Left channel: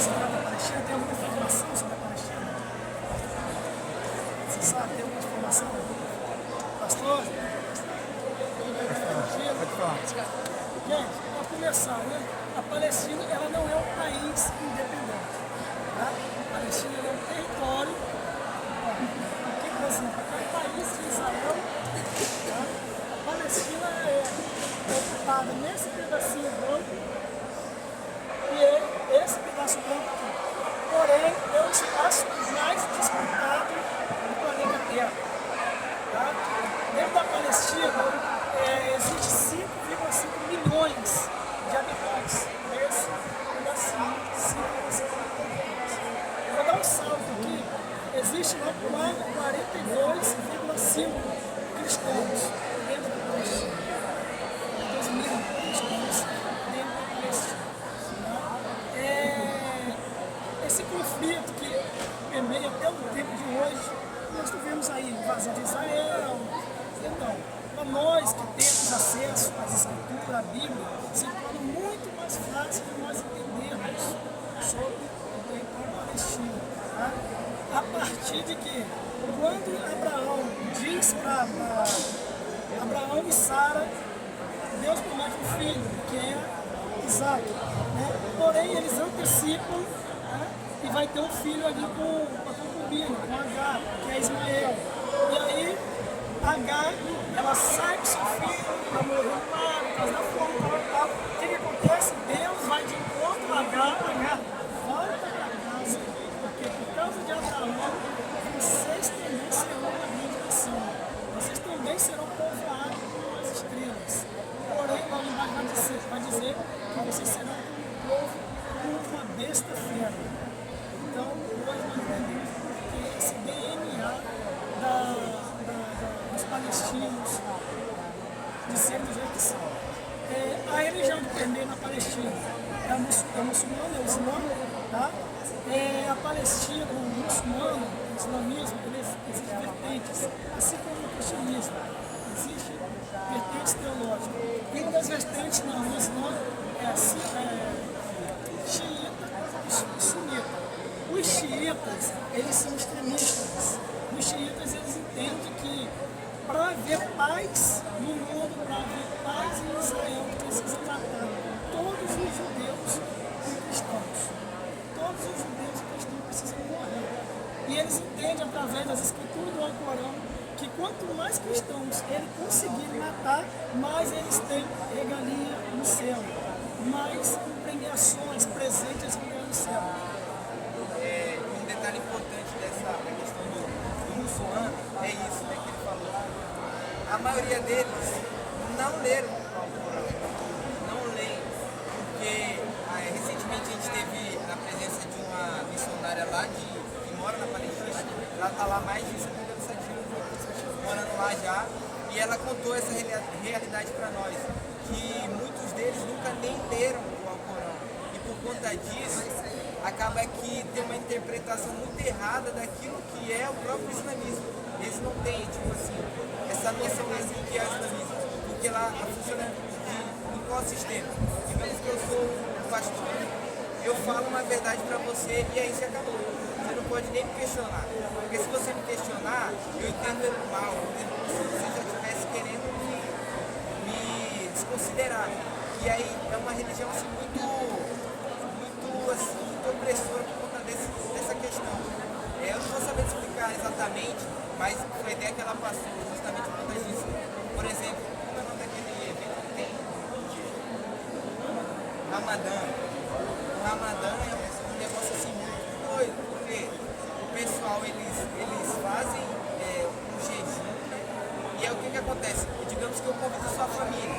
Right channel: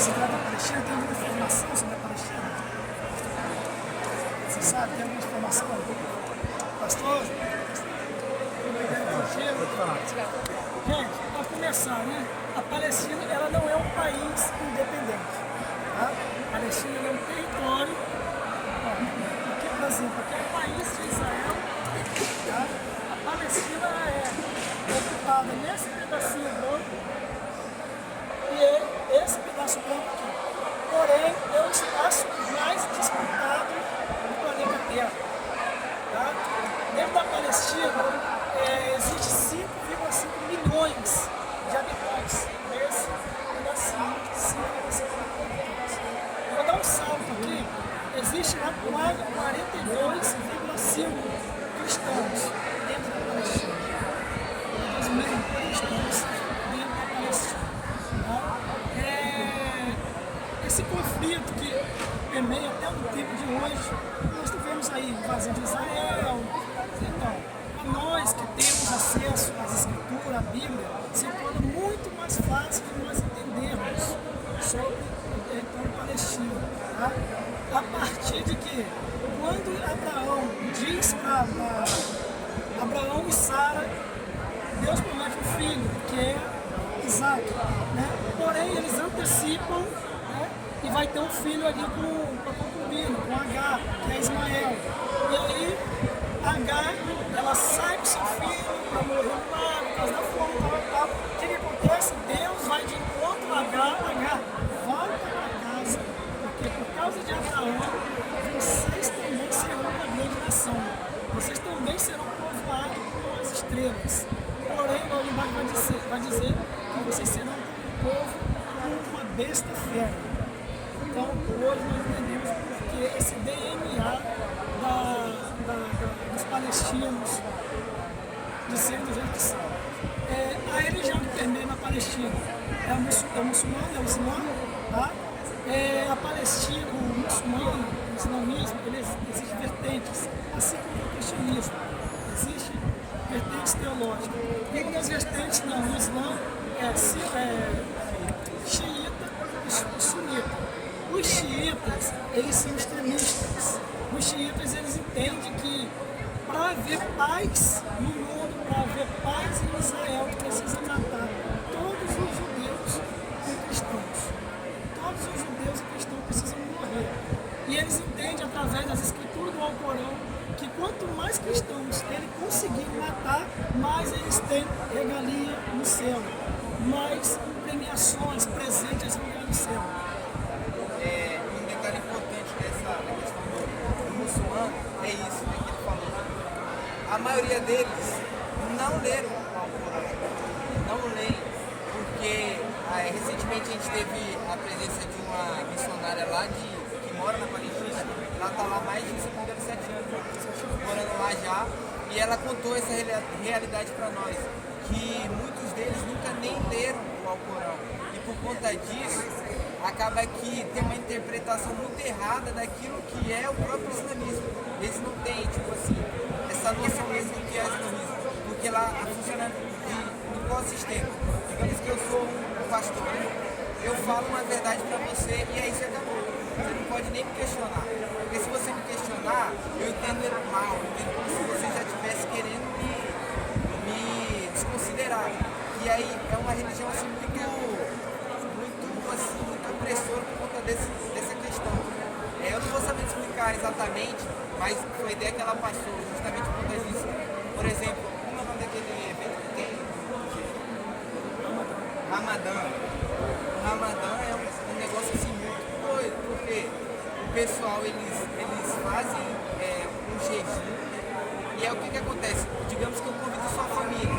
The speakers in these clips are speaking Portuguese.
Você está na Palestina, tem alguma informação sobre a Palestina? Você sabe, tem alguma informação? Pastor? Gente, para começar, né? A Palestina ela não é um país independente. Tá? A Palestina é um território. Por que razão? Porque é um país de Israel. Tá? A Palestina ela é ocupada nesse pedacinho branco e esse pedaço branco aqui. Porém, é o espaço mais disputado do planeta Terra. Tá? Dentro da Palestina existe 5,5 milhões de habitantes nesse pedacinho. Eu vou dar um salto aqui. Existe lá 42,5 cristãos dentro da Palestina. 2.000 cristãos dentro da Palestina. Tá? Esse conflito que permeia até o tempo de hoje, nós tivemos aí invasão de Israel. Então, para nós que temos acesso às escrituras, à Bíblia, se torna muito mais fácil de nós entendermos sobre o território palestino. Tá? A partir de que, quando Abraão diz para Abraão e Sara, Deus promete um filho, que é Isaac. Né? Porém, eles antecipam, né? E vai ter um filho ali com a concubina, com Agar, que é Ismael. E aí, Agar, ela sai com seu filho, por causa da fome, o que acontece? Deus vai de encontro a Agar, volta para casa, porque por causa de Abraão, vocês também serão uma grande nação. Vocês também serão povoados com as estrelas. Porém, lá embaixo vai dizer que vocês serão um povo com uma besta fera. Então, hoje nós entendemos porque esse DNA dos palestinos de serem do jeito que são. A religião que permeia na Palestina é o muçulmano, é o Islã. Tá? A Palestina, o muçulmano, o islamismo, existem vertentes, assim como o cristianismo. Existem vertentes teológicas. E uma das vertentes no Islã é xiita e sunita. Os xiitas, eles são extremistas. Os xiitas, eles entendem que para haver paz no mundo, para haver paz em Israel, precisa tratar todos os judeus e cristãos. Todos os judeus e cristãos precisam morrer. E eles entendem, através das escrituras do Alcorão, que quanto mais cristãos ele conseguir matar, mais eles têm regalia no céu, mais premiações, presentes vão ganhar no céu. Um detalhe importante da questão do muçulmano é isso, né, que ele falou. A maioria deles não leram o Alcorão, não leem, porque recentemente a gente teve a presença de uma missionária lá que mora na Palestina. Ela está lá há mais de 7 anos, morando lá já, e ela contou essa realidade para nós, que muitos deles nunca nem leram o Alcorão, e por conta disso acaba que tem uma interpretação muito errada daquilo que é o próprio islamismo. Eles não têm, tipo assim, essa noção mesmo do que é islamismo, porque lá funciona de qual sistema? Digamos que eu sou um pastor, eu falo uma verdade para você e aí você acabou. Você não pode nem me questionar, porque se você me questionar, eu entendo ele mal, eu entendo como se você já estivesse querendo me desconsiderar. E aí é uma religião assim muito opressora por conta dessa questão. Eu não vou saber explicar exatamente, mas foi a ideia que ela passou, justamente por conta disso. Por exemplo, como é o nome daquele evento que tem? Ramadã. O Ramadã é um negócio assim muito doido, porque o pessoal eles fazem um jejum, e é o que acontece? Digamos que eu convido a sua família.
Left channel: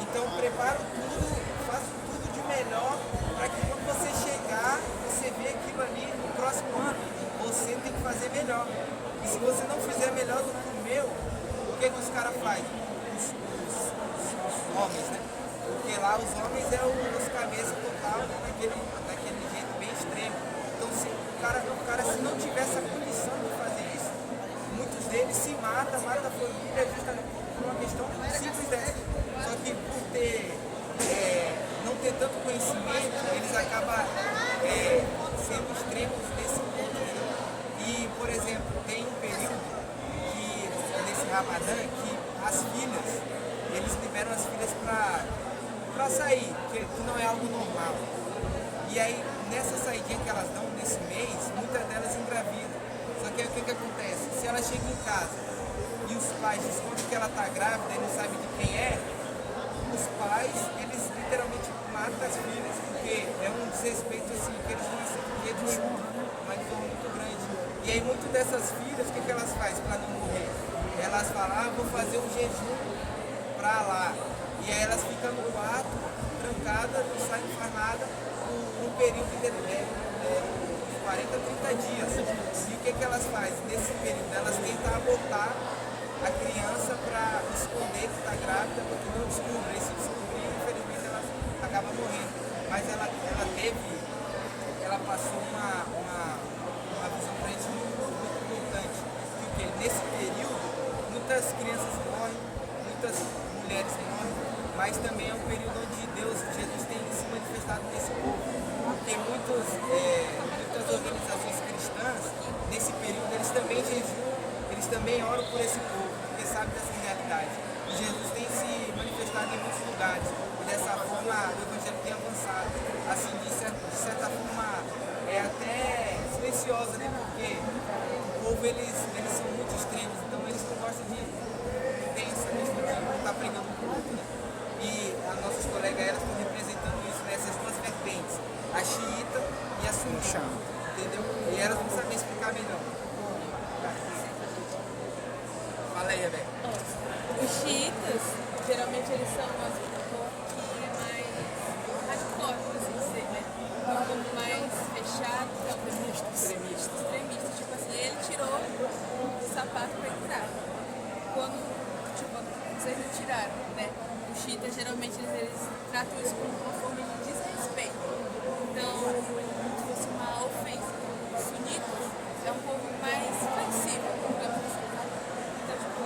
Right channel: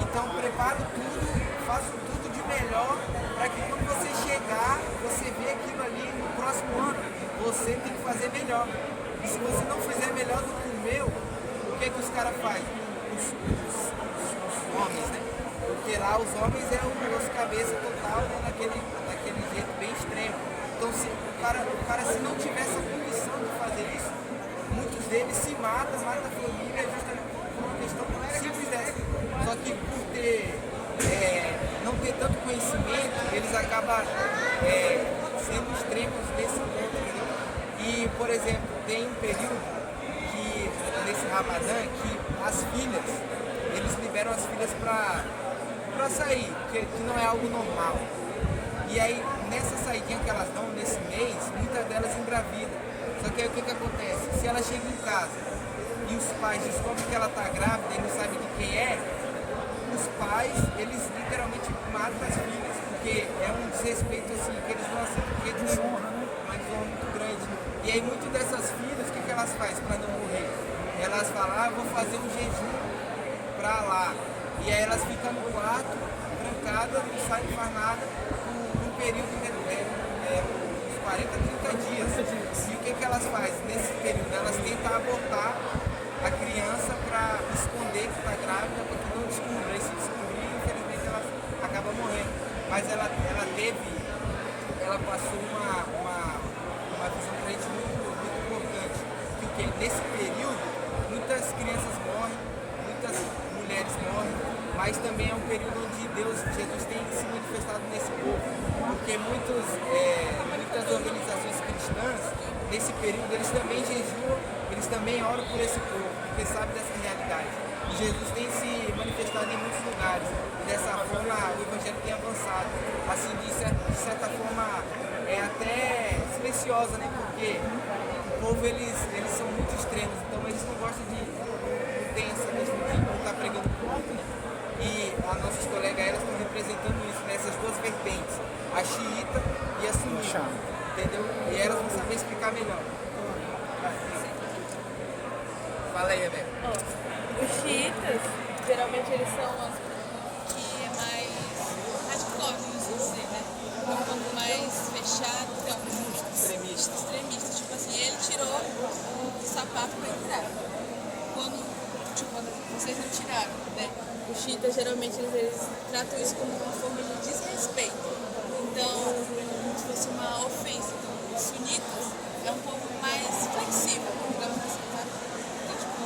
Então preparo tudo, faço tudo de melhor para que quando você chegar, você vê aquilo ali no próximo ano. Você tem que fazer melhor. E se você não fizer melhor do que o meu, o que os caras fazem? Os homens, né? Porque lá os homens é os cabeça total, né? daquele jeito bem extremo. Então se o cara se não tiver essa condição de fazer isso, muitos deles se matam a família justamente por uma questão simples dessa. Só que por não ter tanto conhecimento, eles acabam por exemplo, tem um período que, nesse Ramadã, que as filhas, eles liberam as filhas para sair, que não é algo normal. E aí, nessa saidinha que elas dão nesse mês, muitas delas engravidam. Só que aí o que acontece? Se ela chega em casa e os pais descobrem que ela está grávida e não sabem de quem é, os pais, eles literalmente matam as filhas, porque é um desrespeito assim, que eles vão assim, porque eles são uma desonra muito grande. E aí muitas dessas filhas, o que elas fazem para não morrer? Elas falam, vou fazer um jejum para lá. E aí elas ficam no quarto, trancadas, não saem, não faz nada, no período de uns 40, 30 dias. E o que elas fazem? Nesse período, elas tentam abortar a criança para esconder que está grávida, para que não descubra. Esse descobrir, infelizmente, ela acaba morrendo. Mas ela passou uma visão para gente muito importante. Que nesse período, muitas crianças morrem, muitas mulheres morrem, mas também é um período onde Jesus tem se manifestado nesse povo. Porque muitas organizações cristãs, nesse período, eles também jejuam, eles também oram por esse povo, porque sabem dessa realidade. E Jesus tem se manifestado em muitos lugares. E dessa forma, o Evangelho tem avançado. Assim, de certa forma, é até silenciosa, né? Porque o povo, eles são muito extremos, então eles não gostam de mudança, eles não estão pregando pouco. E as nossas colegas, elas estão representando isso, né? Essas duas vertentes, a xiita e a sunita, entendeu? E elas não sabem explicar melhor. Fala aí, Rebeca. Os xiitas, geralmente eles são as que é mais hardcore, assim dizer, né? Mais fechado, então, extremista. Tipo assim, ele tirou o sapato para entrar. Quando vocês não tiraram, né? Os xiitas, geralmente, eles tratam isso como uma forma de desrespeito. Então, se fosse uma ofensa. Então, os sunitas é um pouco mais flexível, digamos assim, sabe? Então, tipo,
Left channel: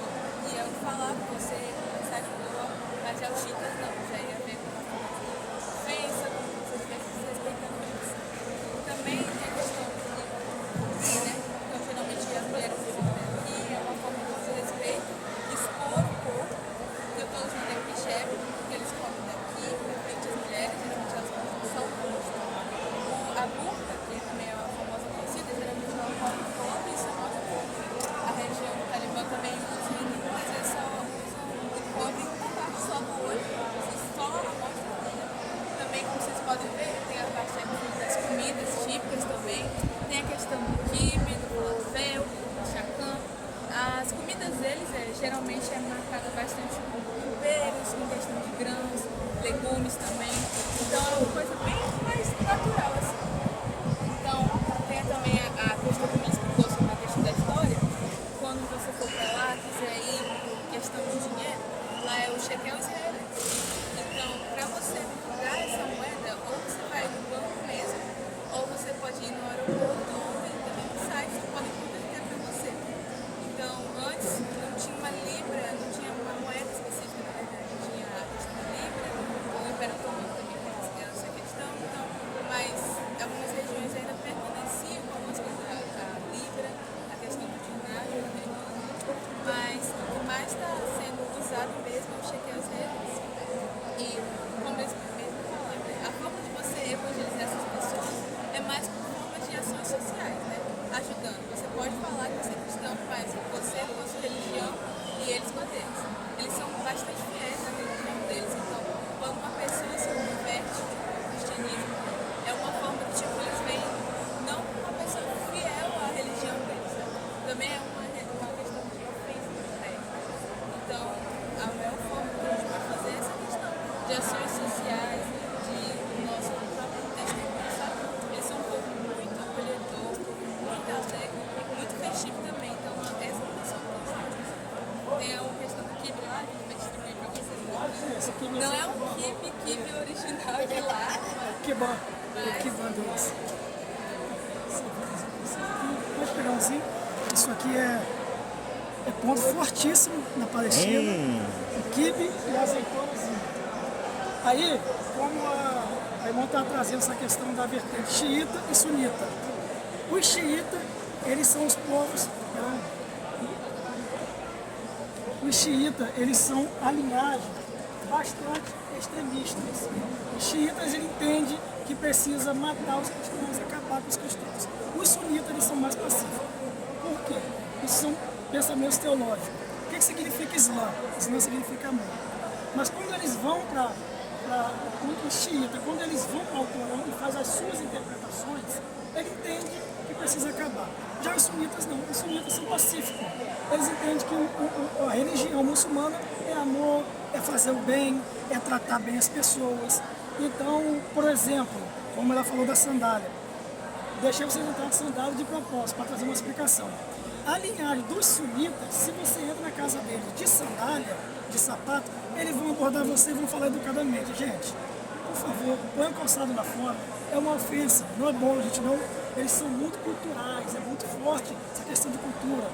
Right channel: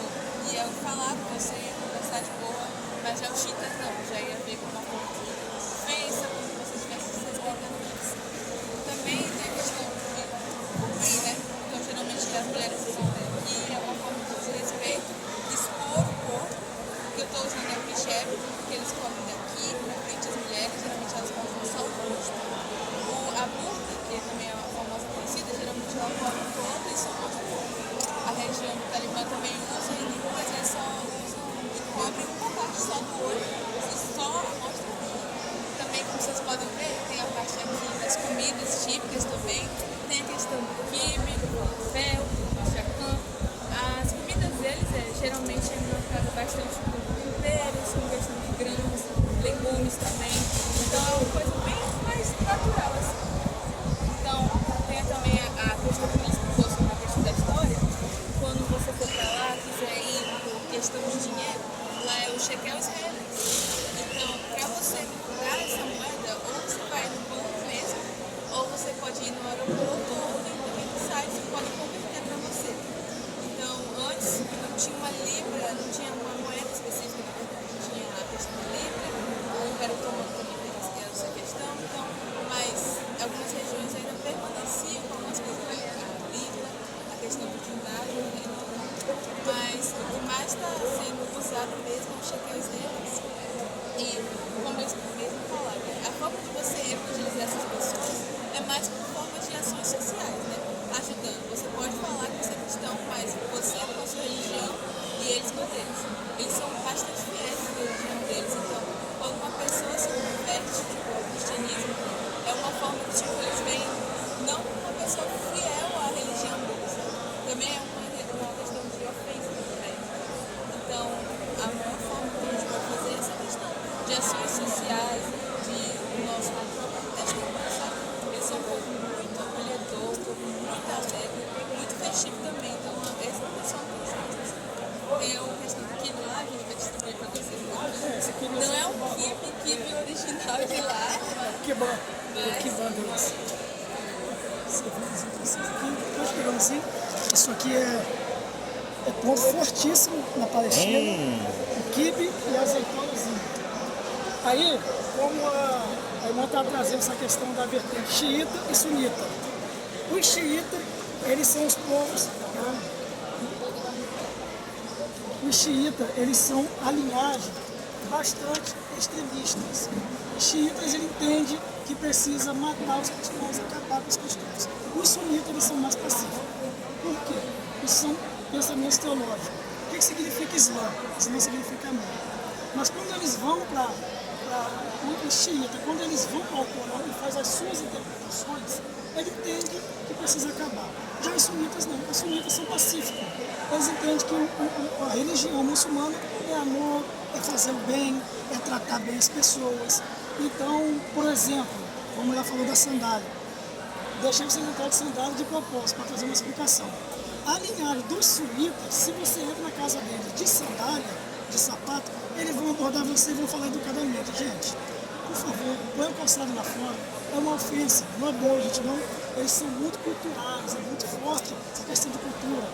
ia falar com você, conversar de boa, mas já os xiitas não, já ia ver com uma forma de ofensa, como se você estivesse desrespeitando isso. Também tem a questão de cumprir, né? Então, geralmente, as mulheres usam aqui, é uma forma de desrespeito, expor o corpo, que eu estou usando é o hijab, que eles comem daqui, na frente das mulheres, geralmente elas colocam só o rosto. A burca, que também é uma famosa conhecida, geralmente ela cobre todo e só mostra o corpo. A região do Talibã também usa, mas eles só cobrem uma parte só do olho e só mostra o olho. Também, como vocês podem ver, tem a parte aqui das comidas típicas também, tem a questão do quibe, do falafel, do chacã. As comidas deles geralmente é marcada bastante com temperos, com bastante grãos, legumes também. Então, coisa bem mais natural assim. Então, tem também a questão política, que fosse na questão da história. Quando você for para lá, quiser ir por questão de dinheiro, lá é o shekel israelense. Então, para você comprar essa moeda, ou você vai no banco mesmo, ou você pode ir no aeroporto, ou dentro do site, você pode converter para você. Então, antes não tinha uma libra, não tinha uma moeda específica, na verdade. Tinha a questão da libra, o Império Otomano também tem essa questão, então, mas algumas regiões ainda permaneciam com algumas coisas, a libra, a questão do dinar, mas o que mais está sendo usado mesmo é o shekel israelense. E, como eles mesmo falaram, a forma de você evangelizar essas pessoas é mais por forma de ações sociais, né? Ajudando. Você pode falar que você é cristão, mas você com a sua religião e eles com eles. Eles são bastante fiéis na religião deles. Então, quando uma pessoa se converte ao cristianismo, é uma forma de, tipo, eles veem não como uma pessoa fiel à religião deles. Também é uma questão de ofensa também. Então, a maior forma que a gente pode fazer é essa questão de ações sociais, de nosso próprio testemunho, sabe? Eles são um povo muito acolhedor, um povo muito alegre, muito festivo também. Então, essa pessoa não tem jeito. Tem uma questão do kibe lá, que a gente vai distribuir para vocês lá. Não é um kibe original de lá. Que bom. Que bom, Deus. Nós pegamos assim. Isso aqui é o ponto fortíssimo na Palestina. O quibe e a azeitonazinha. Aí, como a irmã está trazendo essa questão da vertente xiita e sunita. Os xiitas eles são os povos, os xiitas, eles são a linhagem bastante extremistas. Os xiitas, ele entende que precisa matar os cristãos, acabar com os cristãos. Os sunitas, eles são mais pacíficos. Por quê? Isso são pensamentos teológicos. O que significa Islã? Islã significa amor. Mas quando eles vão para os xiitas, quando eles vão ao Corão e fazem as suas interpretações, ele entende que precisa acabar. Já os sunitas não, os sunitas são pacíficos. Eles entendem que a religião muçulmana é amor, é fazer o bem, é tratar bem as pessoas. Então, por exemplo, como ela falou da sandália, deixei vocês entrar de sandália de propósito, para trazer uma explicação. A linhagem dos sunitas, se você entra na casa deles de sandália, de sapato, eles vão abordar você e vão falar educadamente. Gente, por favor, põe o calçado lá fora. É uma ofensa, não é bom, gente, não. Eles são muito culturais, é muito forte essa questão de cultura.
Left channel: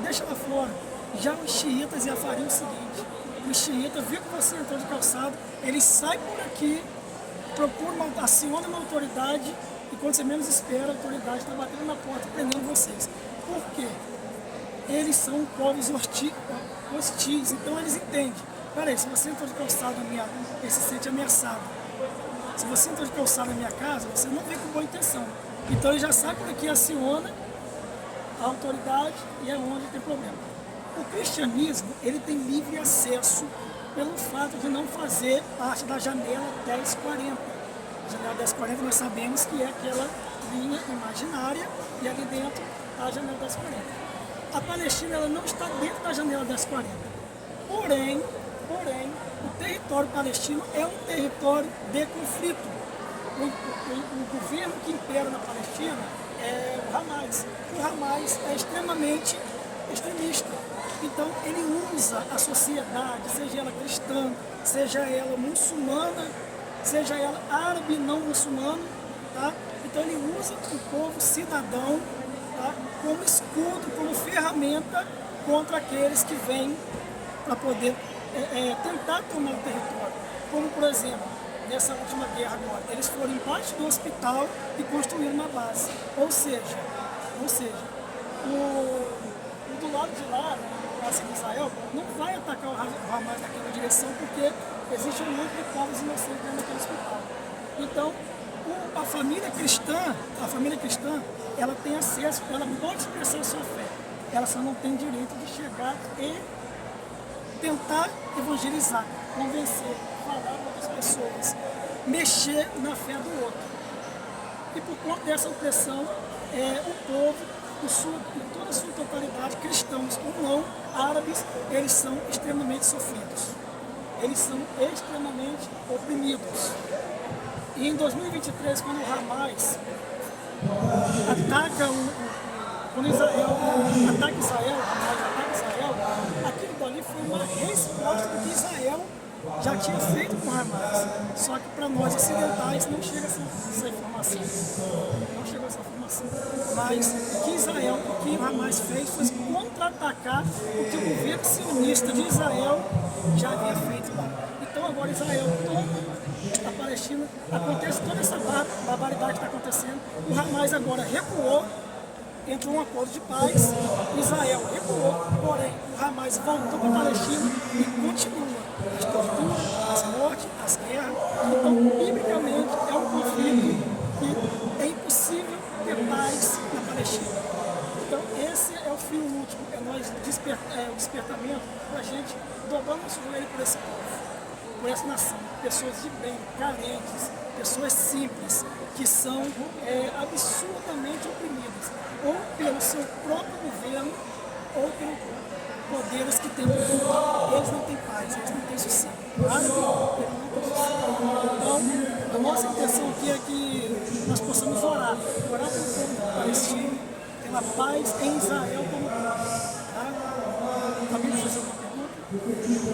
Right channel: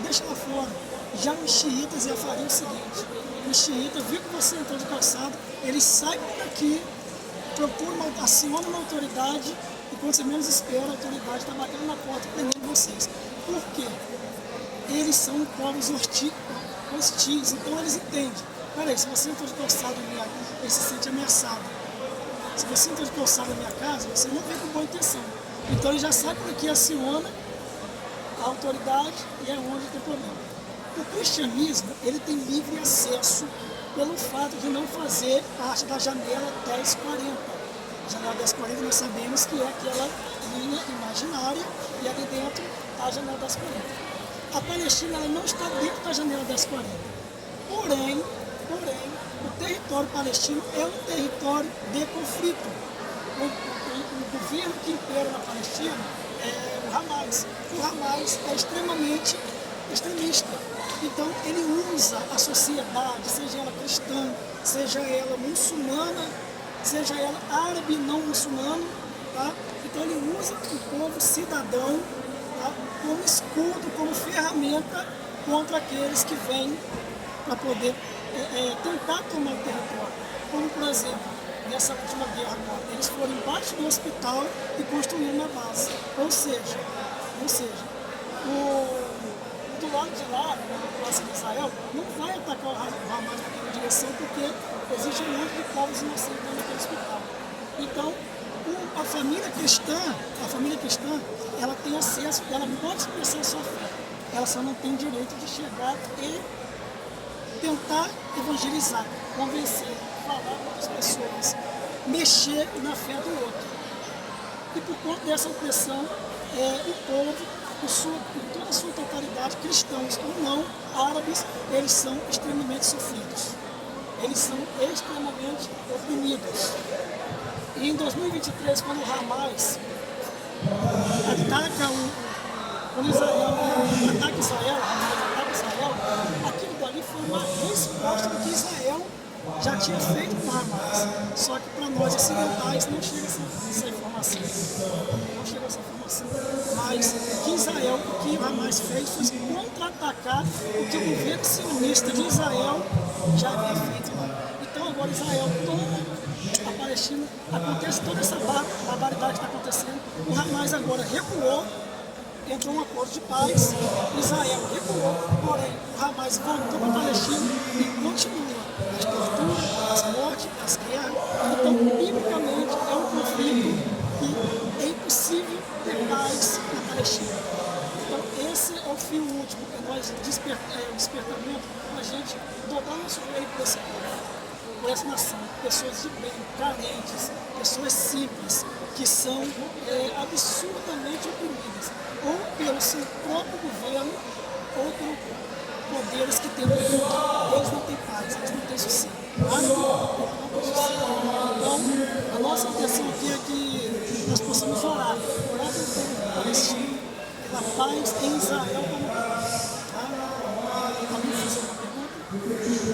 Deixa lá fora. Já os xiitas já fariam o seguinte: os xiitas, viu que você entrou de calçado, eles saem daqui, aciona uma autoridade, e quando você menos espera, a autoridade está batendo na porta e prendendo vocês. Por quê? Eles são povos hostis, então eles entendem. Peraí, se você entrou de calçado na minha casa, ele se sente ameaçado. Se você entrou de calçado na minha casa, você não vem com boa intenção. Então ele já sai por aqui, aciona a autoridade e é onde tem problema. O cristianismo, ele tem livre acesso pelo fato de não fazer parte da janela 1040. A janela 1040 nós sabemos que é aquela linha imaginária e ali dentro a janela 1040. A Palestina, ela não está dentro da janela 1040. Porém, o território palestino é um território de conflito. O governo que impera na Palestina é o Hamas. O Hamas é extremamente extremista. Então, ele usa a sociedade, seja ela cristã, seja ela muçulmana, seja ela árabe não muçulmano, tá? Então, ele usa o povo cidadão, tá? Como escudo, como ferramenta contra aqueles que vêm para poder tentar tomar o território. Como, por exemplo, nessa última guerra agora, eles foram embaixo do hospital e construíram uma base. Ou seja, do lado de lá, a base de Israel, não vai atacar o Hamas naquela direção, porque existe um monte de povos inocentes dentro daquele hospital. Então, a família cristã, ela tem acesso, ela pode expressar sua fé. Ela só não tem direito de chegar e tentar evangelizar, convencer, falar para outras pessoas, mexer na fé do outro. E por conta dessa opressão, o povo, em toda a sua totalidade, cristãos ou não, árabes, eles são extremamente sofridos. Eles são extremamente oprimidos. E em 2023, quando o Hamas quando Israel ataca Israel, aquilo dali foi uma resposta do que Israel já tinha feito com o Hamas. Só que para nós ocidentais não chega essa informação. Não chegou essa informação. Mas o que o Hamas fez foi contra-atacar o que o governo sionista de Israel já havia feito lá. Então agora Israel toma a Palestina, acontece toda essa barbaridade que está acontecendo. O Hamas agora recuou, entrou um acordo de paz, Israel recuou, porém o Hamas voltou para a Palestina e continua as torturas, as mortes, as guerras. Então, biblicamente, é um conflito que é impossível ter paz na Palestina. Então, esse é o fim último, é nós o despertamento para a gente dobrar nosso joelho por esse povo, por essa nação, pessoas de bem, carentes, pessoas simples, que são absurdamente oprimidas, ou pelo seu próprio governo, ou por poderes que têm poder. Eles não têm paz, eles não têm sossego. Eles não têm sossego. Então, a nossa intenção aqui é que nós possamos orar pelo povo palestino, pela paz em Israel como tá?